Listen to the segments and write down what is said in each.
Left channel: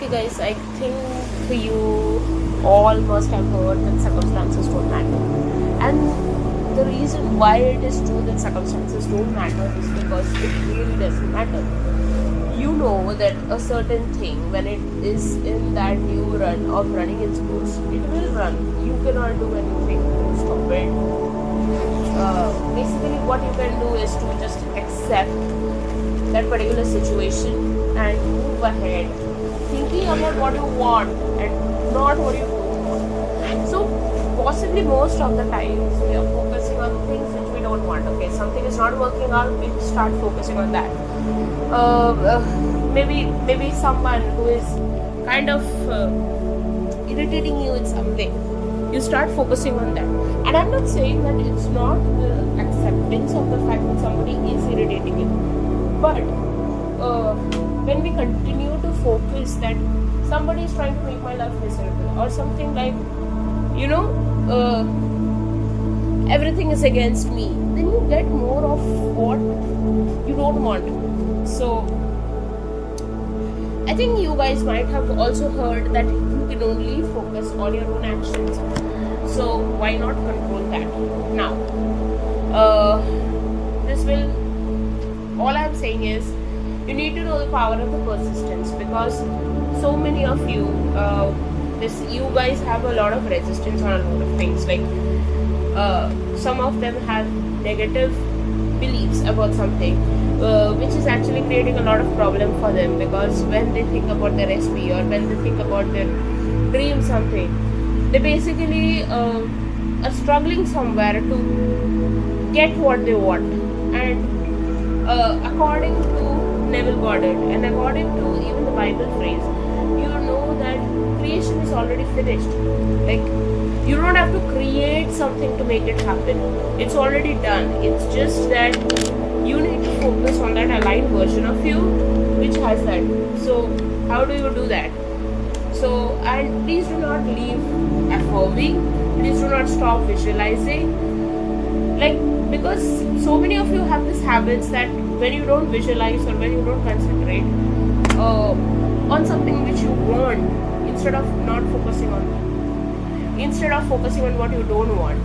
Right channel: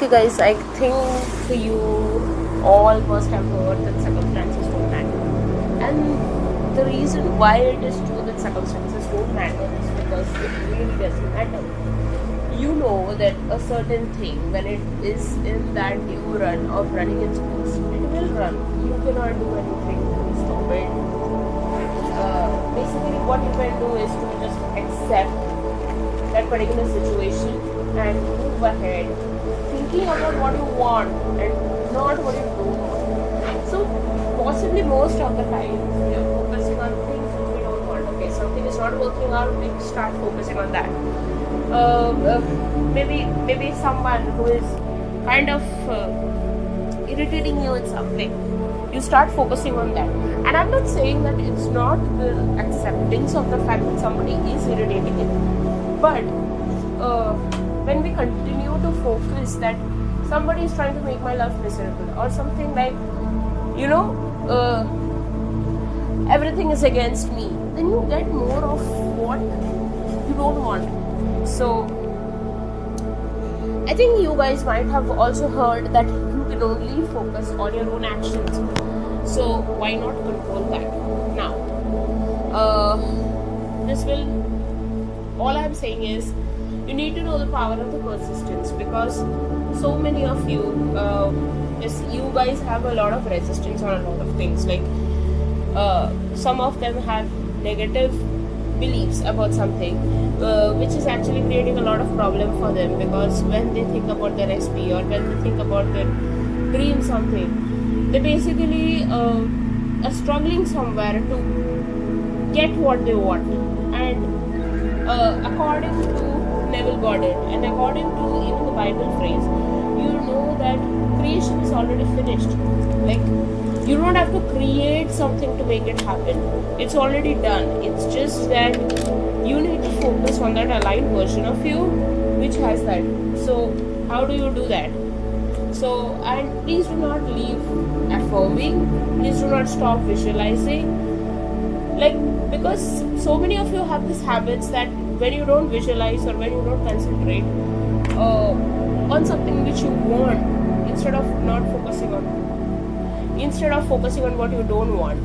Okay, guys, I think you all must have heard that circumstances don't matter. And the reason why it is true that circumstances don't matter is because it really doesn't matter. You know that a certain thing, when it is in that due run of running its course, it will run. You cannot do anything to stop it. Basically, what you can do is to just accept that particular situation and move ahead, thinking about what you want and not what you don't want. So, possibly most of the times we are focusing on things which we don't want. Okay, something is not working out, we start focusing on that. Maybe someone who is kind of irritating you in some way, you start focusing on that. And I'm not saying that it's not the acceptance of the fact that somebody is irritating you, but when we continue to focus that somebody is trying to make my life miserable or something like, everything is against me, then you get more of what you don't want. So I think you guys might have also heard that you can only focus on your own actions. So why not control that? Now, all I'm saying is you need to know the power of the persistence, because so many of you, you guys have a lot of resistance on a lot of things. Like some of them have negative beliefs about something, which is actually creating a lot of problem for them, because when they think about their SP or when they think about their dream something, they basically are struggling somewhere to get what they want. And according to Neville Goddard and according to even the Bible phrase, you know that creation is already finished. Like, you don't have to create something to make it happen. It's already done. It's just that you need to focus on that aligned version of you which has that. So how do you do that? So, and please do not leave affirming. Please do not stop visualizing. Like, because so many of you have these habits that when you don't visualize or when you don't concentrate on something which you want, instead of focusing on what you don't want,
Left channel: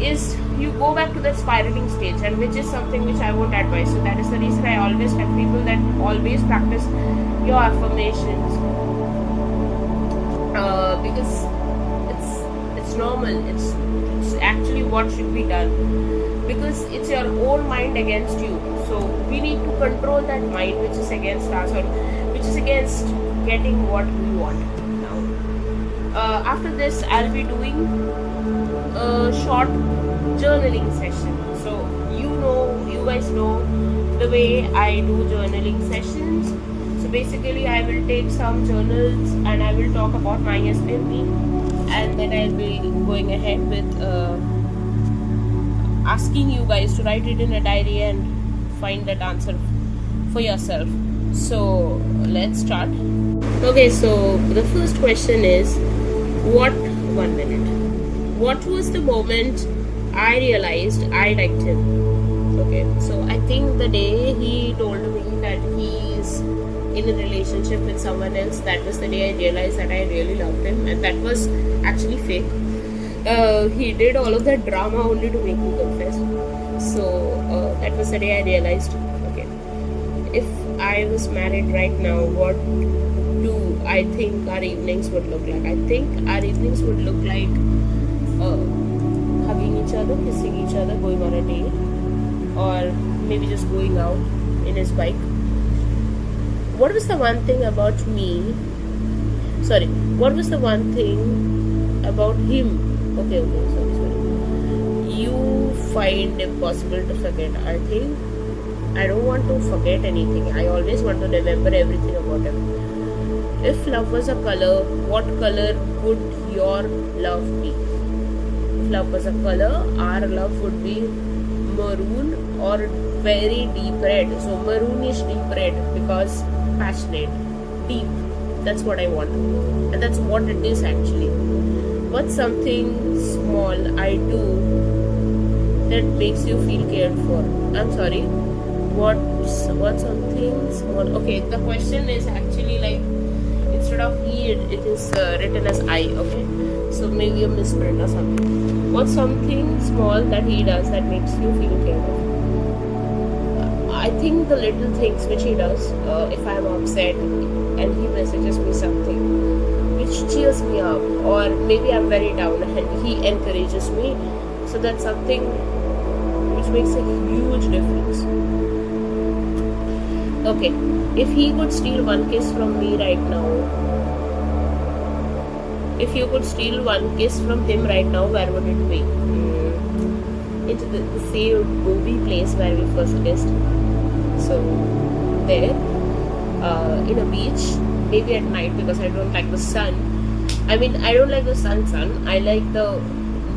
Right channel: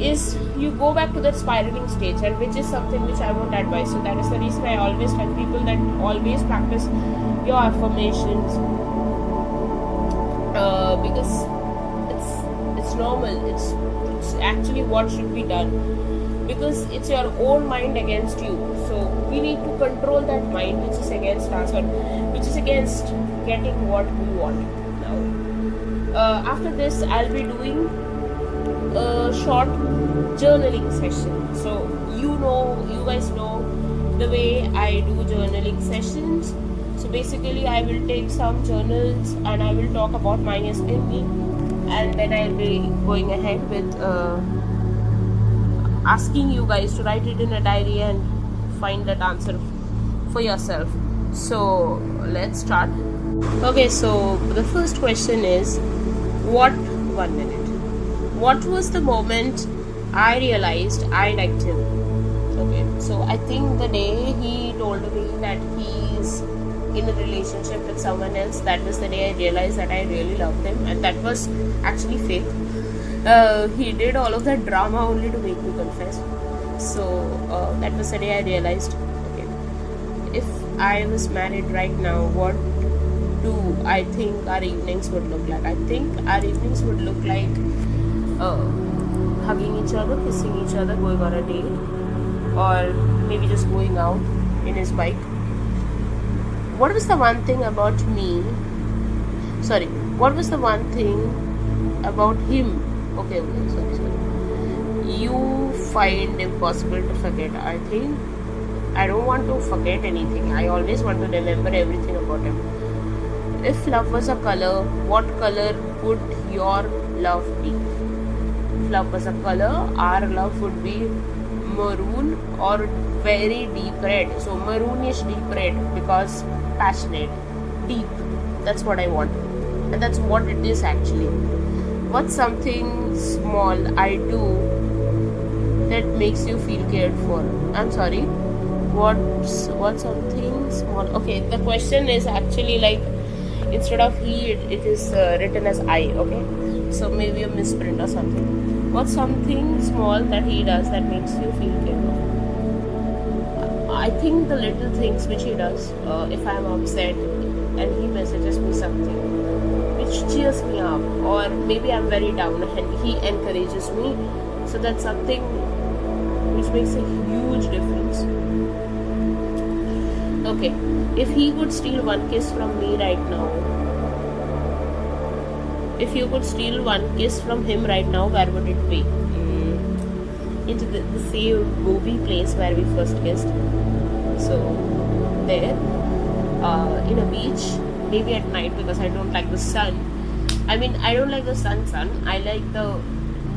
is you go back to that spiraling stage, and which is something which I won't advise. So that is the reason I always tell people that always practice your affirmations, because it's normal. It's actually what should be done, because it's your own mind against you. So we need to control that mind which is against us, or which is against getting what we want. Now, after this, I'll be doing a short journaling session. So you guys know the way I do journaling sessions. So basically, I will take some journals and I will talk about my SP and me, and then I'll be going ahead with asking you guys to write it in a diary and find that answer for yourself. So let's start. Okay, so the first question is, what was the moment I realized I liked him? Okay, so I think the day he told me that he's in a relationship with someone else, that was the day I realized that I really loved him, and that was actually fake. He did all of that drama only to make me confess. So that was the day I realized, okay, if I was married right now, what do I think our evenings would look like? I think our evenings would look like hugging each other, kissing each other, going on a date, or maybe just going out in his bike. What was the one thing about him? Okay, sorry. You find impossible to forget. I think I don't want to forget anything. I always want to remember everything about him. If love was a color, what color would your love be? If love was a color, our love would be maroon or very deep red. So maroonish deep red, because passionate, deep. That's what I want, and that's what it is actually. What's something small I do that makes you feel cared for? I'm sorry. What's something small? Okay, the question is actually like, instead of he, it is written as I. Okay, so maybe a misprint or something. What's something small that he does that makes you feel cared of? I think the little things which he does, if I'm upset and he messages me something which cheers me up, or maybe I'm very down and he encourages me, so that's something which makes a huge difference. Okay, if he could steal one kiss from me right now, if you could steal one kiss from him right now, where would it be? Into the same movie place where we first kissed. So, there, in a beach, maybe at night, because I don't like the sun. I mean, I don't like the sun. I like the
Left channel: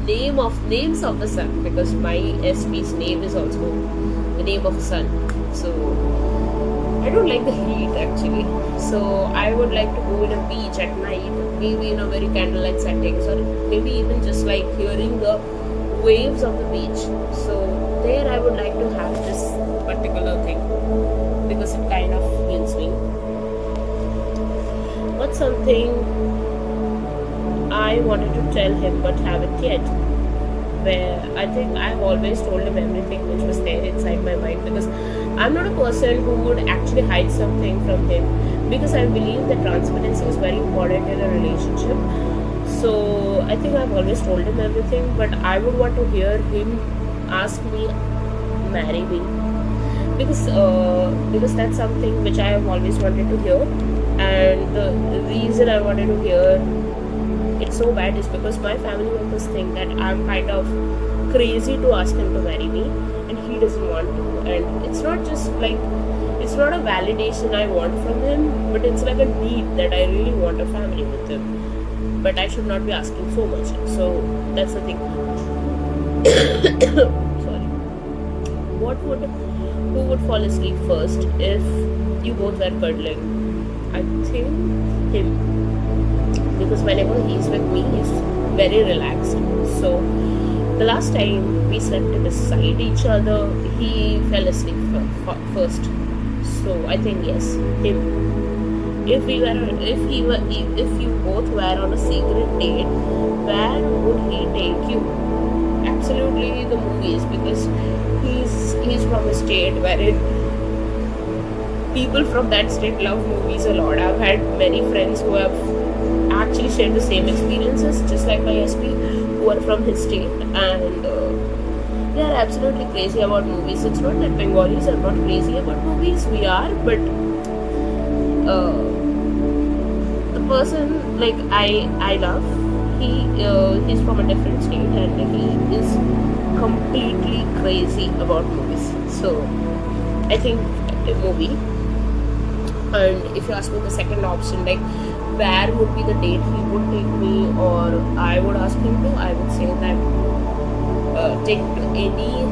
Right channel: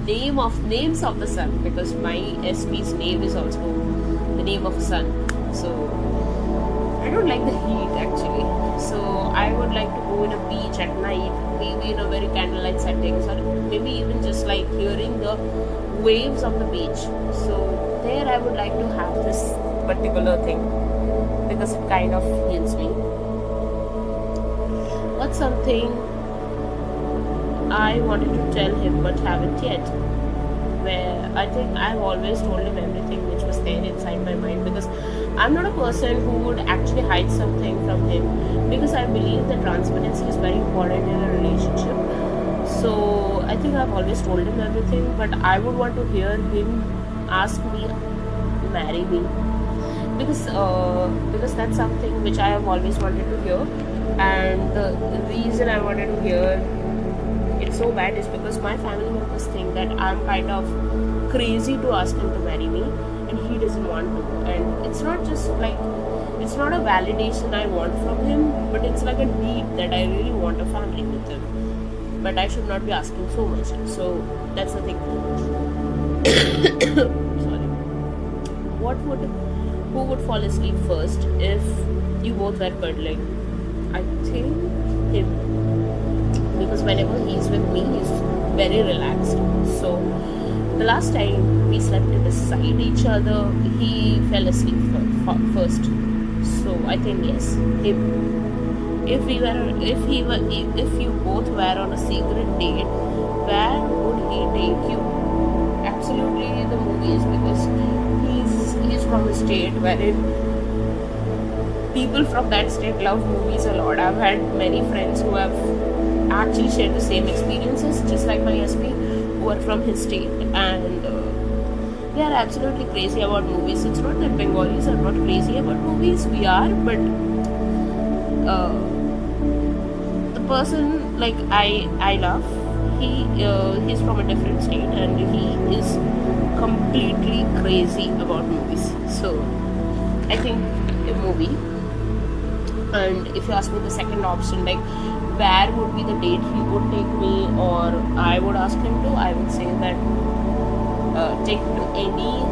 names of the sun, because my SP's name is also the name of the sun. So, I don't like the heat actually. So, I would like to go in a beach at night, maybe in a very candlelight settings, or maybe even just like hearing the waves of the beach. So, there I would like to have this particular thing, because it kind of heals me. What's something I wanted to tell him but haven't yet? Where I think I've always told him everything which was there inside my mind, because I'm not a person who would actually hide something from him, because I believe that transparency is very important in a relationship. So I think I've always told him everything, but I would want to hear him ask me marry me, because that's something which I have always wanted to hear. And the reason I wanted to hear it so bad is because my family members think that I'm kind of crazy to ask him to marry me, and he doesn't want to. And it's not just like, it's not a validation I want from him, but it's like a need that I really want a family with him, but I should not be asking so much. So that's the thing. Sorry. Who would fall asleep first if you both were cuddling? I think him, because whenever he's with me, he's very relaxed. So the last time we slept beside each other, he fell asleep first. So I think yes, him. If you both were on a secret date, where would he take you? Absolutely the movies, because he's from a state wherein people from that state love movies a lot. I've had many friends who have actually shared the same experiences, just like my SP, who are from his state, and they are absolutely crazy about movies. It's not that Bengalis are not crazy about movies, we are, but the person like I love, he's from a different state, and he is completely crazy about movies. So I think a movie. And if you ask me the second option, like where would be the date he would take me, or I would ask him to, I would say that take to any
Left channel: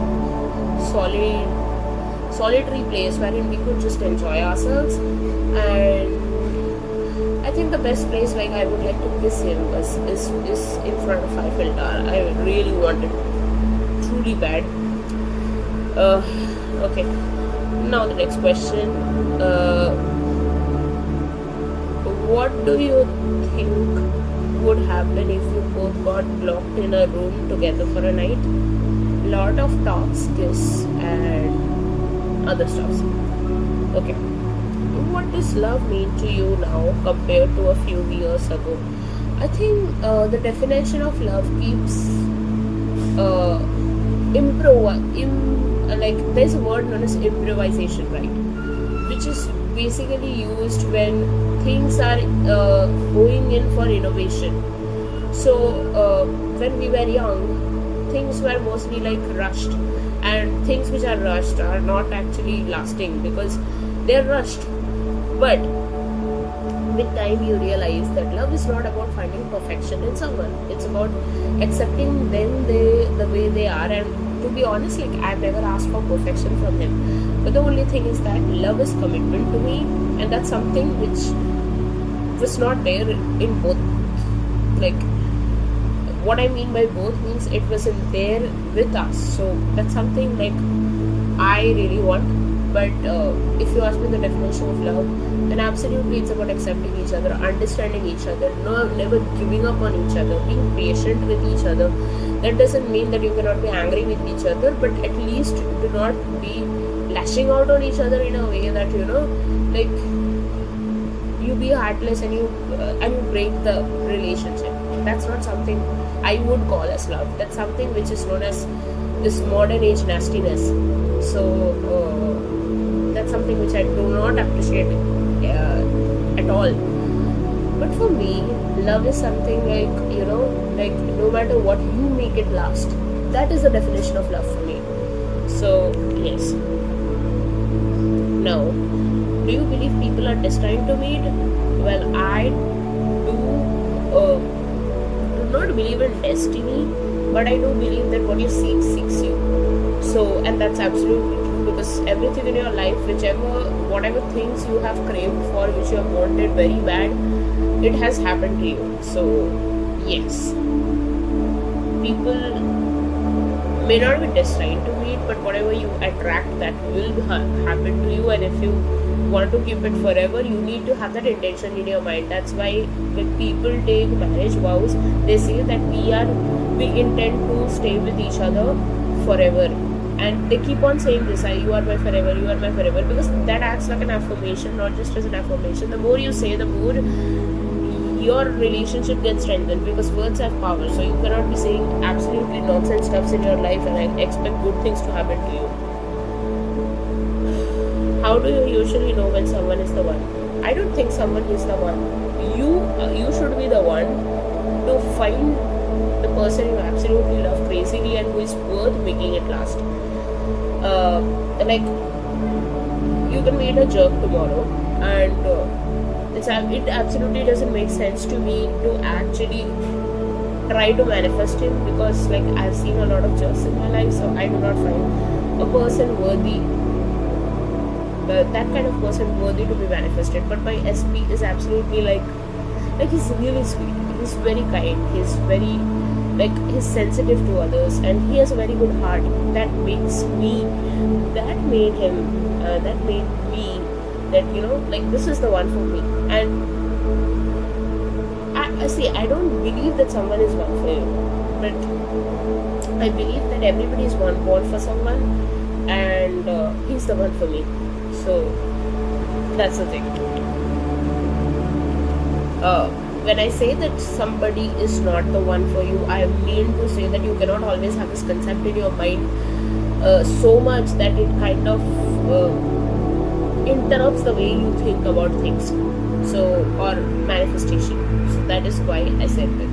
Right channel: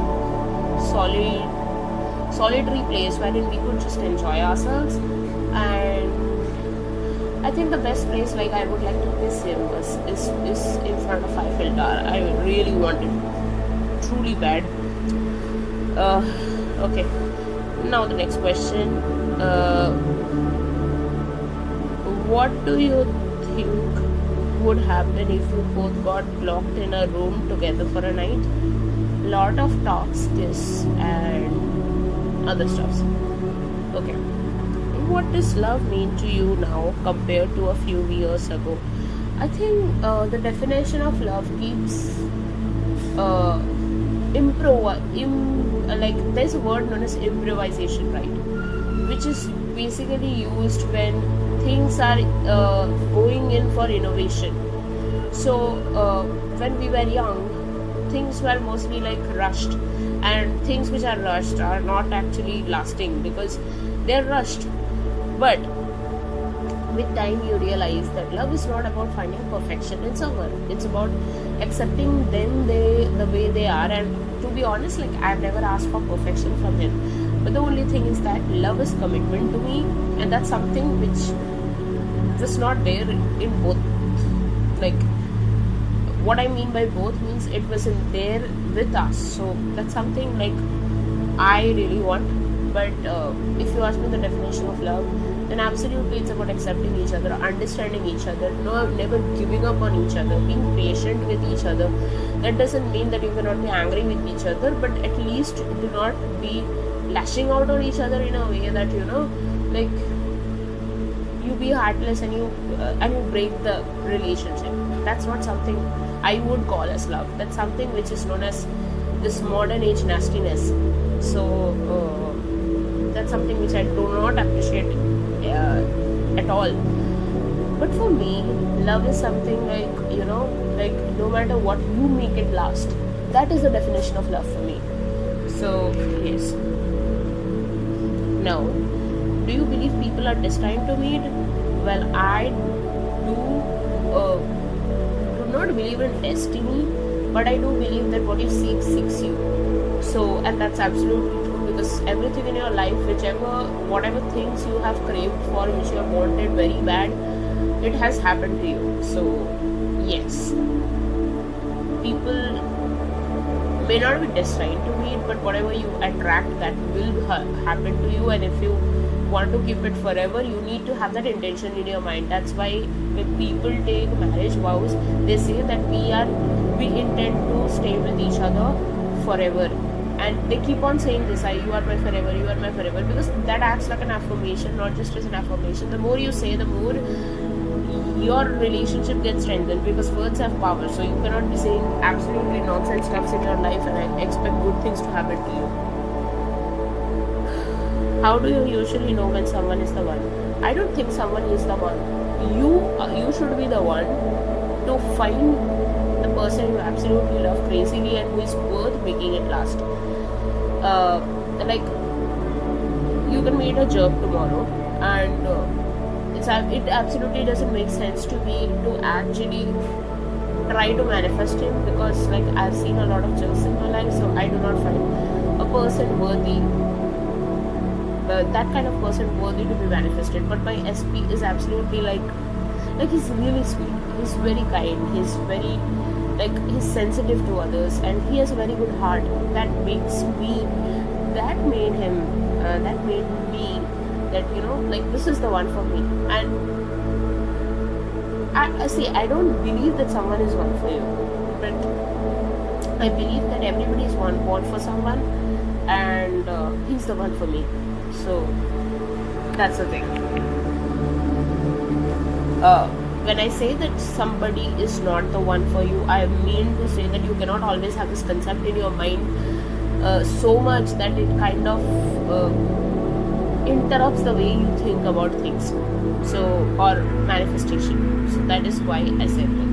solitary place wherein we could just enjoy ourselves. And I think the best place, like I would like to kiss him is in front of Eiffel Tower. I really want it truly bad. Okay, now the next question. What do you think would happen if you both got locked in a room together for a night? Lot of talks, kiss, and other stuffs. Okay. What does love mean to you now compared to a few years ago? I think the definition of love keeps like there's a word known as improvisation, right? Which is basically used when things are going in for innovation. So when we were young, things were mostly like rushed, and things which are rushed are not actually lasting because they're rushed. But with time you realize that love is not about finding perfection in someone. It's about accepting them the way they are. And to be honest, like I've never asked for perfection from him, but the only thing is that love is commitment to me, and that's something which was not there in both. Like what I mean by both means it wasn't there with us. So that's something like I really want. But if you ask me the definition of love, then absolutely it's about accepting each other, understanding each other, never giving up on each other, being patient with each other. That doesn't mean that you cannot be angry with each other, but at least do not be lashing out on each other in a way that, like, you be heartless and you break the relationship. That's not something I would call as love. That's something which is known as this modern age nastiness. So that's something which I do not appreciate at all. But for me, love is something like no matter what, you make it last. That is the definition of love for me. So yes. Now, do you believe people are destined to meet? Well, I do not believe in destiny, but I do believe that what you seek seeks you. So, and that's absolutely true, because everything in your life, whatever things you have craved for, which you have wanted very bad, it has happened to you. So yes, people may not be destined to meet, but whatever you attract, that will happen to you. And if you want to keep it forever, you need to have that intention in your mind. That's why when people take marriage vows, they say that we intend to stay with each other forever. And they keep on saying this, you are my forever, you are my forever, because that acts like an affirmation, not just as an affirmation. The more you say, the more your relationship gets strengthened, because words have power. So you cannot be saying absolutely nonsense stuffs in your life and expect good things to happen to you. How do you usually know when someone is the one? I don't think someone is the one. You should be the one to find the person you absolutely love crazily and who is worth making it last. Like, you can meet a jerk tomorrow, and it absolutely doesn't make sense to me to actually try to manifest him, because like I've seen a lot of jerks in my life, so I do not find a person worthy, that kind of person worthy to be manifested. But my SP is absolutely like he's really sweet, he's very kind, he's very he's sensitive to others, and he has a very good heart. That made me that this is the one for me. And I don't believe that someone is one for you, but I believe that everybody is born for someone, and he's the one for me. So that's the thing. When I say that somebody is not the one for you, I mean to say that you cannot always have this concept in your mind so much that it kind of interrupts the way you think about things, or manifestation. So that is why I said that.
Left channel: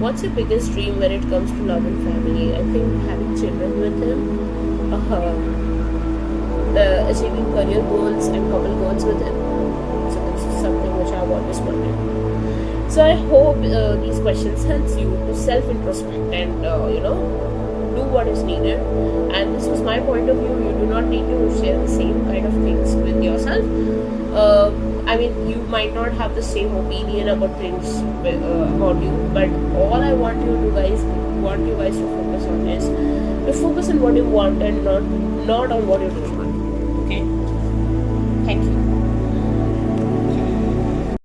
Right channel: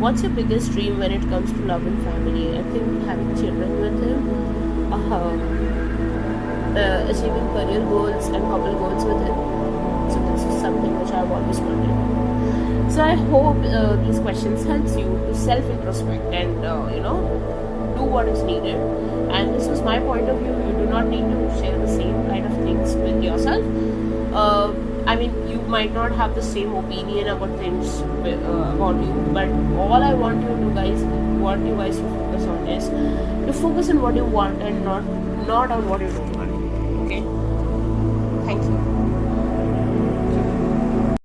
What's your biggest dream when it comes to love and family? I think having children with him, achieving career goals and couple goals with him. So this is something which I've always wanted. So I hope these questions helps you to self-introspect and do what is needed. And this was my point of view. You do not need to share the same kind of things with yourself. You might not have the same opinion about things about you, but all I want you guys to focus on is to focus on what you want and not on what you don't want. Okay? Thank you.